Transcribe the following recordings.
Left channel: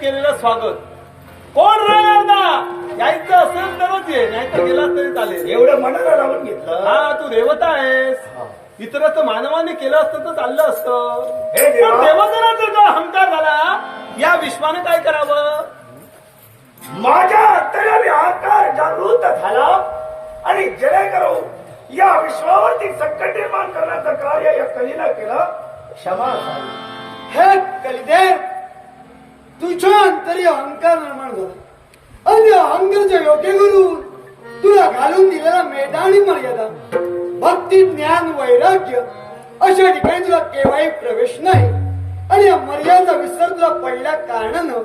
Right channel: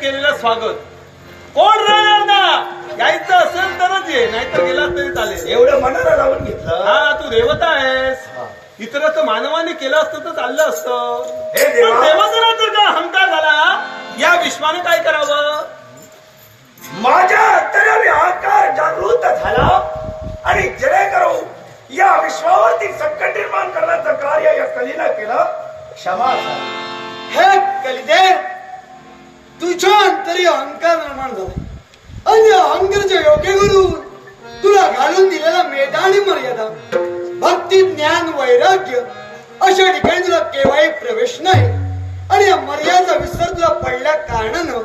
केलेलं स्वागत. कोण राहणार ना यायचं असेल तरच ये नाहीतर गेला तरी चालेल. एवढं मनाला लावून घेतलं? हा तू देवता आहेस. इतर तर मानवाने केलं असतं तर चाललं असतं. हे देवा. पण जर का अहंकार झाला. या विश्वाने काय करावं? माझ्या अंतराने अहंकार जागृत झाला आणि जेणेकरून या विश्वावरती संकट निर्माण करण्याचं कार्य या कलीनं केलं. क्षमा असावी. हे कलिदेव तुझ्या अंतरी अहंकार निर्माण झाला. आणि अहंकाराच्या योग्य करून तुला घालून दिलेला मेधानी मर्यादा भक्ती ज्ञान वैराग्य अशा ठिकाणी तुला केव्हाही प्रवेश नाही. आणि या मर्यादा विसर तुला पडल्या कारणानं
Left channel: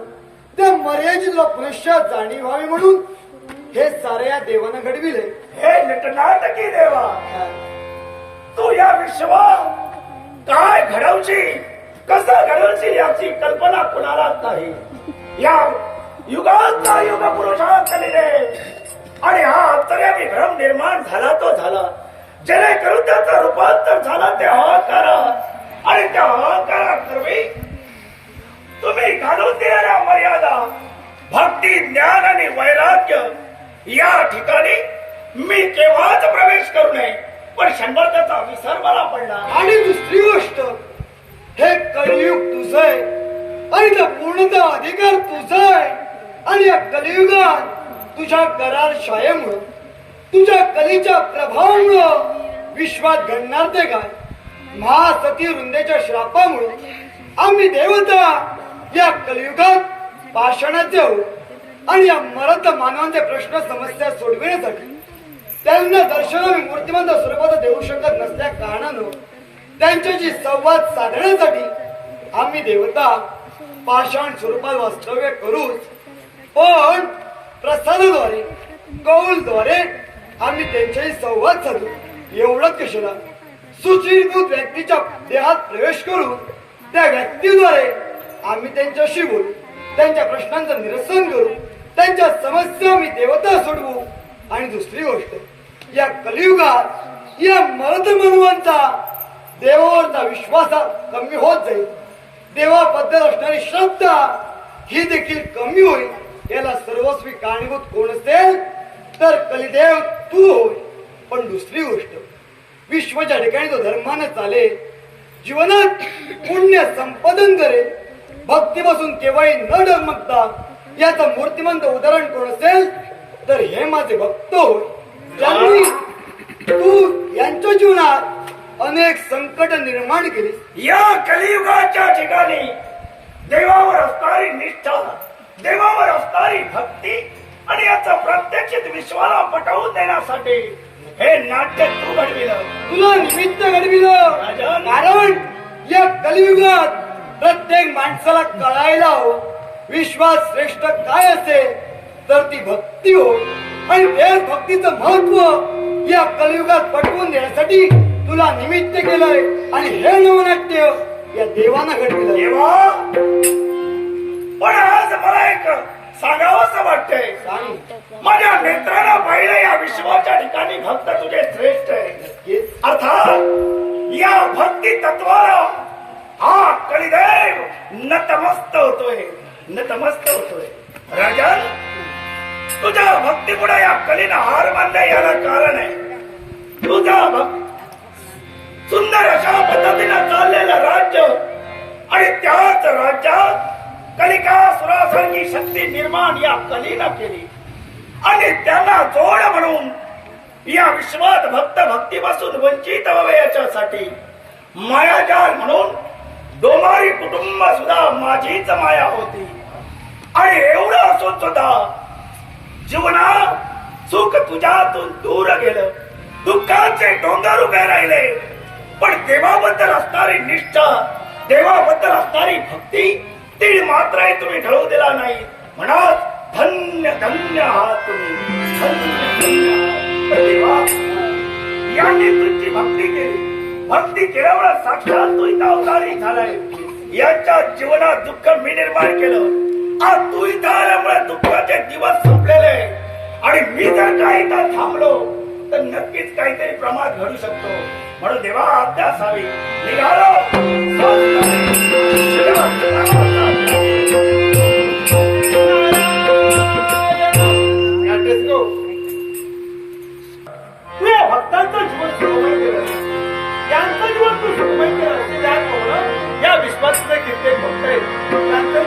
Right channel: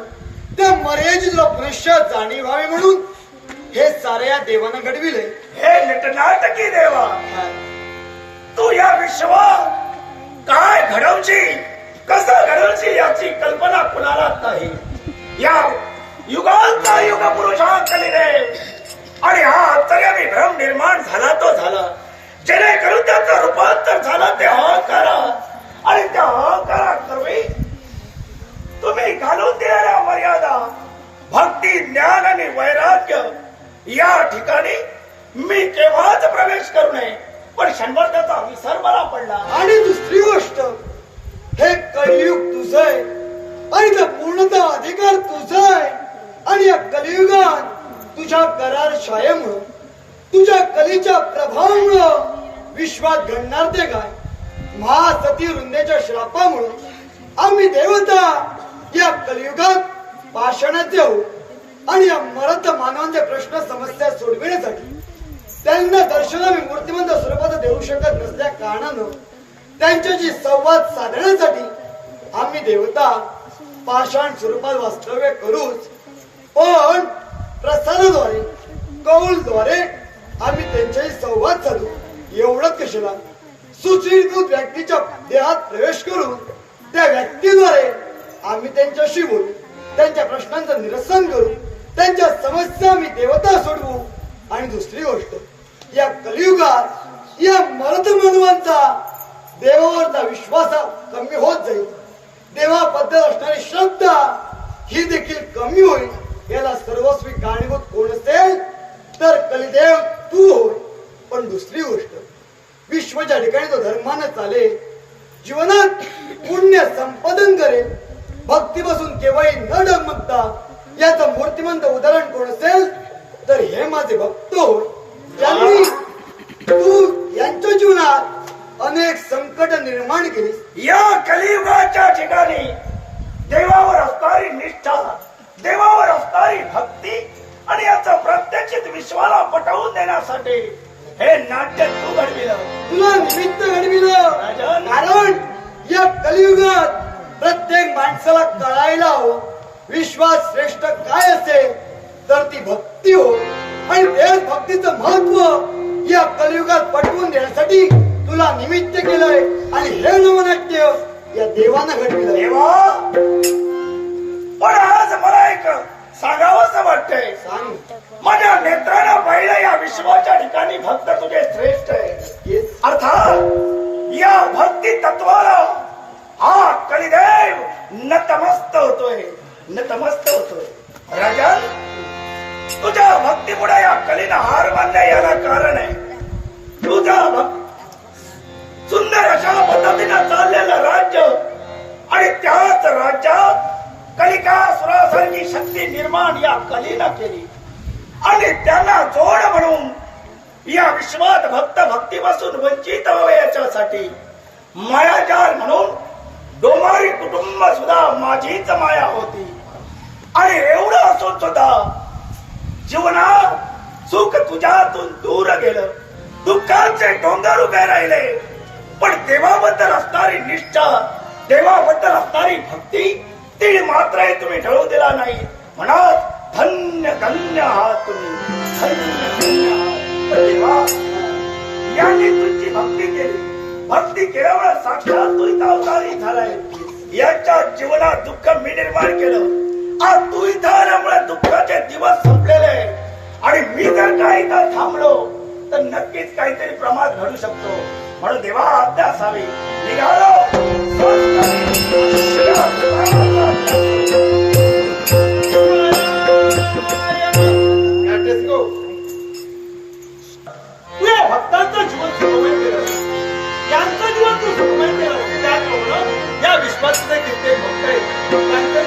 त्या मर्यादेची तुला पुनश्च जाणीव व्हावी म्हणून हे सारे या देवानं घडविले हे नटनाटकी देवा तू या विश्वात काय घडवची कसं घडवची याची कल्पना कुणाला नाही? या युगाचा युग पुरुषांकडे आणि हा अंतर्यामी भ्रम निर्माण झाला तो झाला. जेणेकरून त्याचं रूपांतर झालं ते अहंकार. आणि त्या अहंकारा तुम्ही घालून दिलेल्या मर्यादा भक्ती ज्ञान आणि वैराग्य या ठिकाणी मी केव्हाच प्रवेश करू नये. पण शंभर त्याचा विसर मला पडला. आणि दुसरी गोष्ट हे कलियुग तुझं आहे आणि पूर्णतः अधिकार तुझा आहे आणि या कलियुगात तुझ्या करार शायेमुळं तुझ्या कलीच्या प्रभावामुळं विश्वात घडणार ते काय? महासती वृंदेच्या श्रापामुळं आम्ही देवता या कलियुगात पाषाणात देऊ आणि या मरत मानवांचे प्रश्न समस्या सोडविण्यासाठी त्यांना दर्शन मूर्तिमंत स्वरूपात देऊ शकत नसल्या कारणानं त्यांच्याशी संवाद साधण्यासाठी आम्ही देवता पाषाण स्वरूपात वास्तव्य करूच. पण प्रसादाद्वारे कौलद्वारे आम्ही त्यांच्याशी संवाद साधू. एवढंच कशाला? सुचिरकृत व्यक्तीच्या देहात प्रवेश करून त्या व्यक्तीद्वारे आम्ही त्यांच्याशी बोलू त्यांच्या प्रश्नांचं निरसन करू त्यांच्या समस्या आम्ही देवता सोडवू. आणि दुसरी गोष्ट या कलियुगात या मर्द मानवांचा देवावरचा विश्वास कमी होत जाईल. देवाबद्दल असणारी श्रद्धा ही देखील कमी होईल. याला सर्वस्वी कारणीभूत कोण असेल? तर कलिदेव तू होय. पण दुसरी गोष्ट विश्वाच्या ठिकाणी तो धर्मानं चाले जीवनात पुण्य संपादन करेल. भक्तीपासून केव्हाही न डगमगता याचं मूर्तिमंत उदाहरण कोण असेल? तर हे माझे भक्त होय. ज्यांनी तू यांच्या जीवनात अनेक संकट निर्माण केलीस या कलियुगाच्या ठिकाणी देवावर असणारी निष्ठा देवावर असणारी भक्ती आणि याचा प्रत्यक्षित विश्वाला पटवून देण्यासाठी हे नाट्य तू घडविलं. तुला निमित्त घडविलं. कारण या कलियुगात प्रत्येक माणसाला कळायला हवं. विश्वास श्रेष्ठ काय असेल तर ती भक्ती हो आणि देश भक्तीचं महत्त्व या कलियुगात पटवून देण्यासाठी तुला निमित्त केलंय आणि हे नवनाट्य या देवानं घडविलं देवा! पण आज मला एक सांगावंसं वाटतंय. सांग. माझ्या नेत्रानं पाहिलं या विश्वाच्या ठिकाणी भक्त तुझे श्रेष्ठ आहे अर्थात या भक्ती तत्वाला हा कलिदेव नतमस्त होतोय. नतमस्त होतोय. राजन तुझ्या भक्तीमुळे या कलीनं हार मानल्या याला कारण आहे. तुझा भक्त सुंदर अशा पद्धतीनं चाललेलं राज्य आणि त्याच राज्यात कलिका सुरासारखी शक्ती निर्माण या कलीनं केली. आणि त्यांना जोड म्हणून या विश्वात भक्त भक्तीपासून वंचित व्हावे याच्यासाठी मायाजाल म्हणून डोमारी कुटुंब सुद्धा माझीच माया होती. आणि एवढं असून सुद्धा जीवनात सुख तुझ्यातून दूर गेलं. दुःखाचे डोंगर उभे राहिले. देवाबद्दल असणारी निष्ठा देवाबद्दल असणारी भक्ती ती मात्र तुम्ही ढळू दिला नाही. म्हणा धन्य धन्य आहात तुम्ही. धन्य यांनी तुमची भक्ती केली. भक्ती केल्यामुळे साक्षात तू इथं अवतारी झालाय. यांच्या जीवनात दुःख मी निर्माण केलं. आज तू इथं आल्यामुळे दुःखाचे दिवस संपलेले. आणि मी जर काही इथं थांबलो तर नक्कीच काहीतरी प्रमाद घडू शकतो. म्हणून देवा आज्ञा असावी निघालो भक्तांचं जीवन सुखमय केलं. यांचं जीवन तू सुखमय केलं. त्याचप्रमाणे या विश्वात सुद्धा कित्येक भक्त आहेत. त्यांचं